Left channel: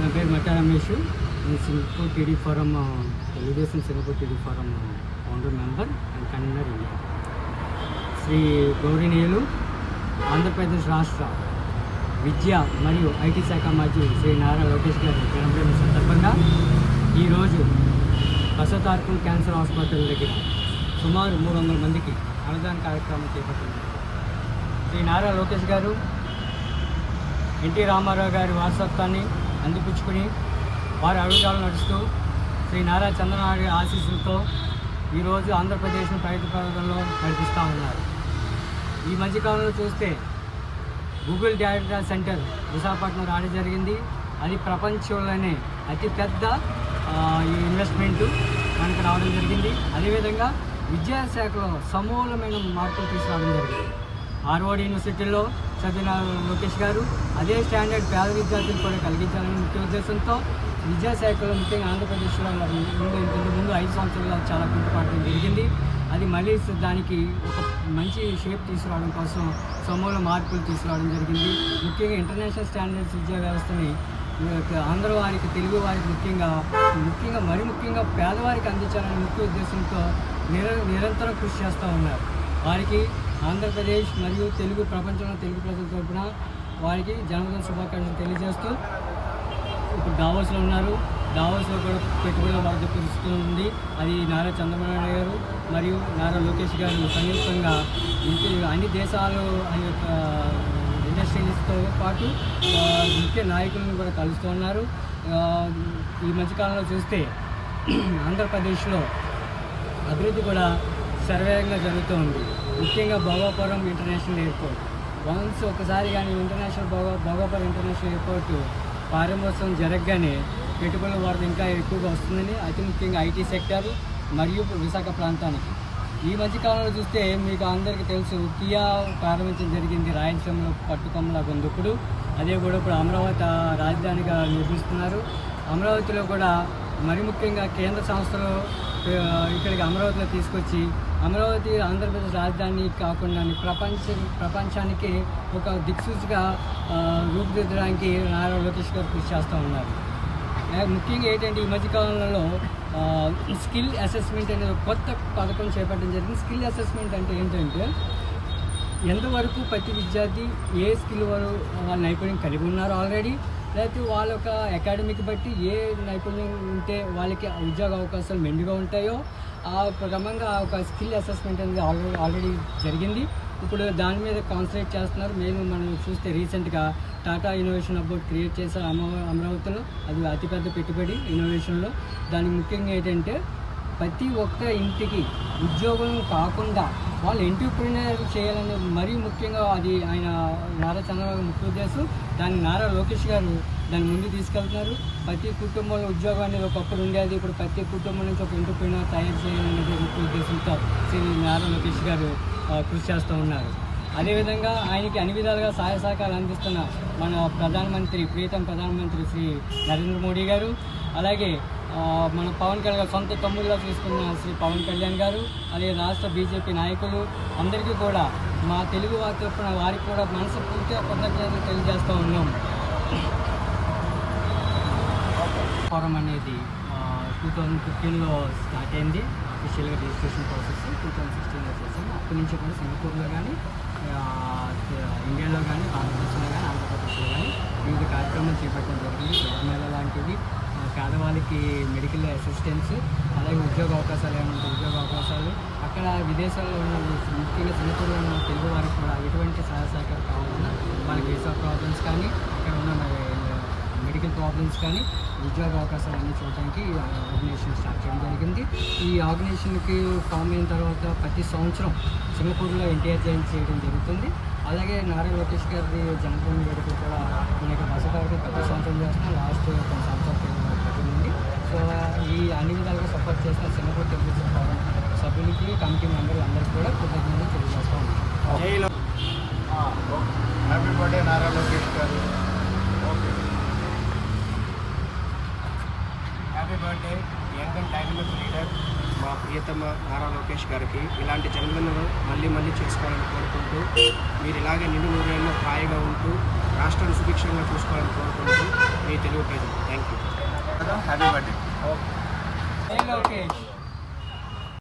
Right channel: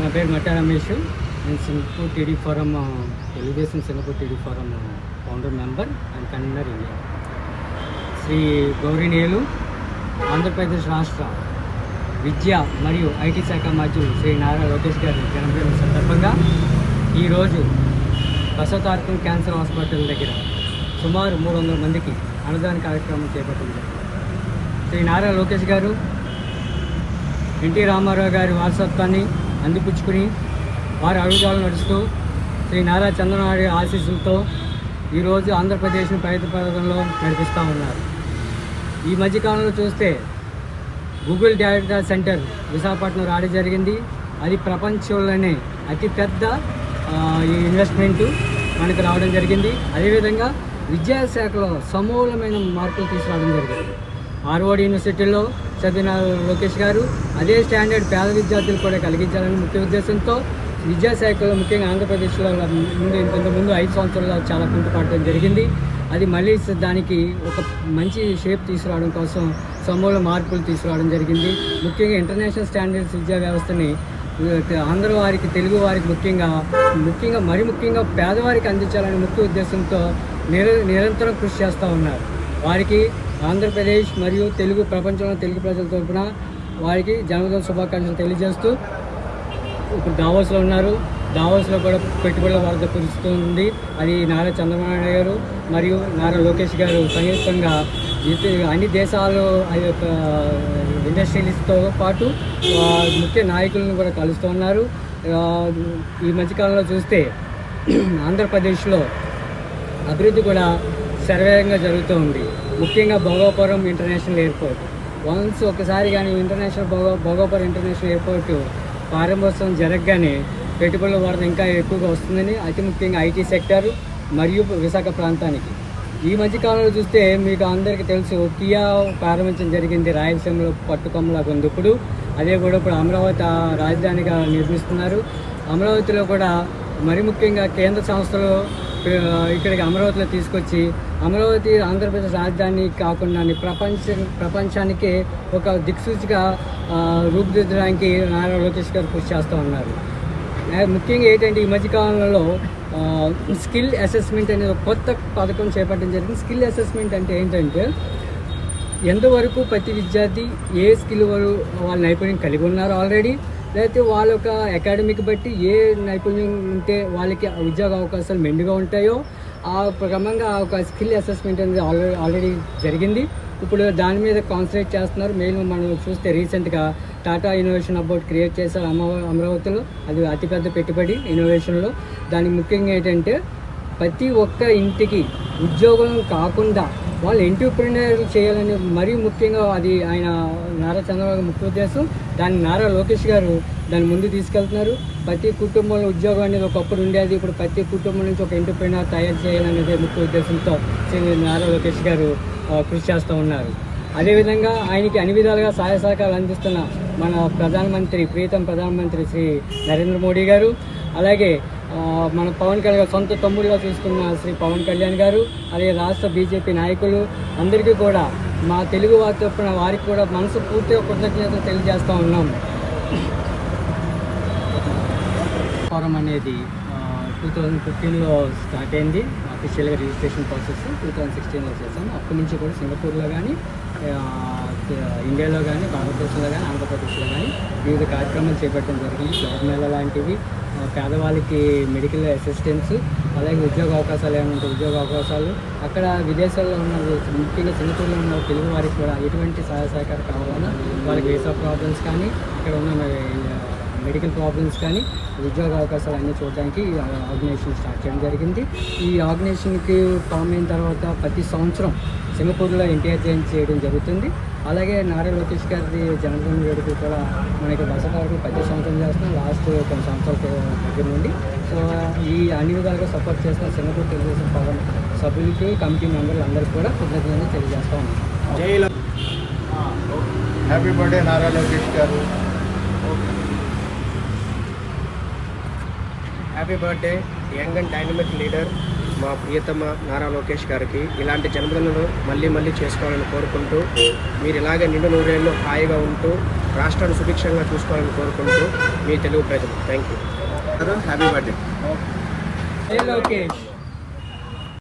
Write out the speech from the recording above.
నా పేరు మట్టా రమేష్. నేను Singapore TD forum, Telugu Desam Singapore TD forum founder member and convener India. Shri గౌరీనీయులు ఆంధ్రప్రదేశ్ రాష్ట్ర విద్య మరియు ఐటీ శాఖ మంత్రులు శ్రీ నారా లోకేష్ గారి జన్మదినం సందర్భంగా ఈరోజు బసవతారకం క్యాన్సర్ హాస్పిటల్ దగ్గర సుమారు 300 మందికి అన్నదాన కార్యక్రమం చేపట్టింది. శ్రీ నారా లోకేష్ గారు ఎన్టీ రామారావు గారి వారసత్వాన్ని అందిపుచ్చుకుని వారి అడుగుజాలు నడుస్తూ శ్రీ నారా చంద్రబాబు ఆశీస్సులతో ఈరోజు ఆంధ్రప్రదేశ్ను ప్రగతిపథంలో నడిపిస్తూ ఉన్నారు. ఈ మధ్యకాలంలో చూస్తే గూగుల్ డేటా సెంటర్ విశాఖపట్నం రావడం జరిగింది. అది ప్రపంచంలోనే అతిపెద్ద ఈ ఇన్వెస్ట్మెంటు మనకు రావడం జరిగింది. అదేవిధంగా విద్యాశాఖలో సమూలమైన మార్పులు తీసుకురావడం జరిగింది. హార్వర్డ్ యూనివర్సిటీలో చదివిన లోకేష్ గారు అదే స్టాండర్డ్ పేద విద్యార్థులు కూడా కలిగించాలని ముఖ్య ఉద్దేశంతో విద్యాశాఖలో ముఖ్యంగా ఆంధ్రప్రదేశ్లో ఇంతకుముందు 5 సంవత్సరాలు చాలా కుంటుపడడం జరిగింది. అది మళ్ళీ దానికి ఒక మంచి షేప్ తీసుకురావడం కోసం సమూల మార్పులు తీసుకురావడం జరిగింది. ముఖ్యంగా ఇంటర్నేషనల్ స్టాండర్డ్స్ విద్యా వ్యవస్థని ఆంధ్ర వారికి, తెలుగు వారికి ముఖ్యంగా పేదవారికి అందించాలనే ముఖ్య ఉద్దేశంతో నిరంతరం కృషి చేస్తూ ఉన్నారు. వారికి ఆంధ్రప్రదేశ్ మరియు ప్రపంచంలో తెలుగు ప్రజల తరపున వారికి జన్మదిన శుభాకాంక్షలు తెలియజేస్తూ ఇప్పుడు దావోస్లో ఉన్నారు. దావోస్లో కూడా పెట్టుబడుల వరద కురుస్తుంది. అది నారా చంద్రబాబు నాయుడు గారు మరియు నారా లోకేష్ గారు సంయుక్తంగా అన్ని దేశాలు ఆ యొక్క ఇండస్ట్రియలిస్ట్తో పాటు ముఖ్య నాయకులను కూడా కలుస్తూ ఉన్నారు. ఈ మధ్యకాలంలో చూస్తే ఆంధ్రప్రదేశ్లో అభివృద్ధి కూడా శరవేగంగా జరుగుతూ ఉంది. ముఖ్యంగా భోగాపురం ఇంటర్నేషనల్ ఎయిర్పోర్ట్ వన్స్ ఒకసారి కానీ ఇంటర్నేషనల్ భోగాపురం ఇంటర్నేషనల్ ఎయిర్పోర్ట్ ప్రారంభోత్సవం జరగగానే పెట్టుబడుల వరద ఇంకా ఎక్కువగా వస్తుందని, అతి ముఖ్యంగా ఐటీ సెక్టర్ మరియు విశాఖ ప్రాంతానికి. ఈ మధ్యకాలంలో చూస్తే మీకు అందరికీ తెలుసు, కియా ప్రారంభించడం జరిగింది రాయలసీమలో పట్టుకొమ్మలాగా ఉంది. ఇప్పుడు అదే కూడా ఇప్పుడు అమరావతి రాజధానిగా నిర్మిస్తున్నారు. అమరావతిలో కూడా మరి ముఖ్యంగా కేంద్ర సంస్థలు ఇక్కడికి అమరావతిలో తీసుకొచ్చి అమరావతి ఆంధ్రప్రదేశ్ రాజధాని కాకుండా ప్రపంచానికి ఒక దిక్సూచిగా రూపుదిద్దడానికి నారా లోకేష్ గారు కృషి చేస్తూ ఉన్నారు. ముఖ్యంగా ఏంటంటే ఈ మధ్యకాలంలో స్కిల్ అసెస్మెంట్ అనేది ఒక కొత్త పథకం చేపట్టడం జరిగింది. స్కిల్ అసెస్మెంట్ అంటే ఏంటంటే ఎంతవరకు ప్రతి విద్యార్థి ఏ స్కిల్ వాళ్ళ నైపుణ్యం కలిగి ఉన్నారు ఆల్రెడీ, లేకపోతే వాళ్ళ యొక్క అకాడమిక్ బట్టి ఏ నైపుణ్యం ఉంటే వాళ్ళకి ఉద్యోగ అవకాశాలు మెండుగా ఉంటాయో ఆ క్రమంగా ఒక స్కిల్ అసెస్మెంట్ అనేది ఆల్రెడీ జరిగింది. ఇప్పుడు దాని మీద కాన్సన్ట్రేట్ చేస్తున్నారు. మెయిన్ మనం చూస్తే రీసెంట్గా టాటా ఇన్నోవేషన్ అబౌట్ క్రియేట్ చేశారు అమరావతిలో. అది అతిపెద్ద పెట్టుబడి ఇన్నోవేషన్లో. దానికి ముఖ్యంగా ఏంటంటే ప్రతి ఒక్క ఇంటికి ఉద్యోగం కాకుండా వాళ్ళు ఎంటర్‌ప్రెన్యూర్ చేయాలని మరీ ముఖ్యంగా అది ఆయన నారా చంద్రబాబు ముఖ్య ఉద్దేశం. దాన్ని నారా లోకేష్ గారు దాన్ని ముందు తీసుకెళ్తున్నారు. ప్రతి కుటుంబంలో ఉద్యోగం అనేది ఒకప్పుడు ఉండేది, ఇప్పుడు ప్రతి కుటుంబం నుంచి ఒక ఎంటర్‌ప్రెన్యూర్ తయారు చేయాలనేది ముఖ్య ఉద్దేశంతో నారా లోకేష్ గారు కృషి చేస్తూ ఉన్నారు. అదేవిధంగా ఆయనకి అన్ని విధాలుగా సహాయ సహకారాలు అందిస్తున్న మన ప్రీతం ప్రధానమంత్రి శ్రీ నరేంద్ర మోడీ గారు, అలాగే మన పవన్ కళ్యాణ్ గారు సొంత తమ్ముడిగా చూసుకున్న శ్రీ పవన్ కళ్యాణ్ గారు, అలాగే రాష్ట్ర బీజేపీ నాయకులు అందరికీ కూడా మా తెలుగు వారి తరపున వారికి కూడా మనసు పూర్తిగా కృతజ్ఞతలు తెలియజేస్తూ ఉన్నాం. ఫోరం అనేది 2015లో స్టార్ట్ అయింది. అఫీషియల్గా రిజిస్ట్రేషన్ ప్రాసెస్ 2016లో చేసాము. అప్పటి నుంచి కూడా సింగపూర్లో కానీ ఇండియాలో కానీ భారతదేశంలో కానీ ఆంధ్రప్రదేశ్లో కానీ వివిధ కార్యక్రమాలు చేపట్టడం జరిగింది. జాబ్ మేళ లాంటివి, పేదవాళ్ళకి మెడికల్ అసిస్టెన్స్, అలాగే ఉద్యోగ అవకాశాలు ఏమంటే ఉద్యోగ అవకాశాలు, అక్కడ విదేశాల్లో ఉన్న ముఖ్యంగా సింగపూర్లో ఉన్న తెలుగు వారికి కూడా ఎటువంటి సహాయ సహకారం కావాలన్నా వాళ్ళకి వీసా ప్రాబ్లమ్స్ కానీ అక్కడ ఉన్న మెడికల్ ప్రాబ్లమ్స్ కానీ ఉద్యోగ అవకాశాలు అన్నీ చూడడానికి ఈ ఆర్గనైజేషన్ స్టార్ట్ చేయడం జరిగింది. ఈ ఆర్గనైజేషన్కి ఫామ్ అయిన తర్వాత ప్రతి సంవత్సరం సింగపూర్లో ఎన్టీఆర్ జయంతి చేయడం జరుగుతుంది. అలాగే నారా లోకేష్ గారి జన్మదిన వేడుకలు కూడా మనకి దసరా వరకు ప్రతి సంవత్సరం చేస్తున్నాం, లాస్ట్ కొన్ని సంవత్సరాల దగ్గర నుండి. సో ఈ అన్ని విధాలుగా సపోర్ట్ చేసిన సింగపూర్ తెలుగుదేశం పవన్ సభ్యులకి, కమిటీ మెంబర్లు అందరికీ కూడా కృతజ్ఞతలు తెలియజేస్తా ఉన్నాం. హ్యాపీ బర్త్డే నారా లోకేష్ గారు. Happy birthday young and dynamic leader మా ప్రియతమ నారా లోకేష్ గారికి. ఇలాంటి జన్మదినాలు మళ్ళీ మళ్ళీ చేసుకోవాలని కోరుకుంటూ, మీరు ఇలాగే నిండు నూరేళ్ళు హాయిగా ఉంటూ రాష్ట్రాన్ని సుభిక్షంగా చూసుకోవాలని కోరుకుంటూ మీ తెలుగు ప్రజలు. Thank you. Happy birthday. Lokesh.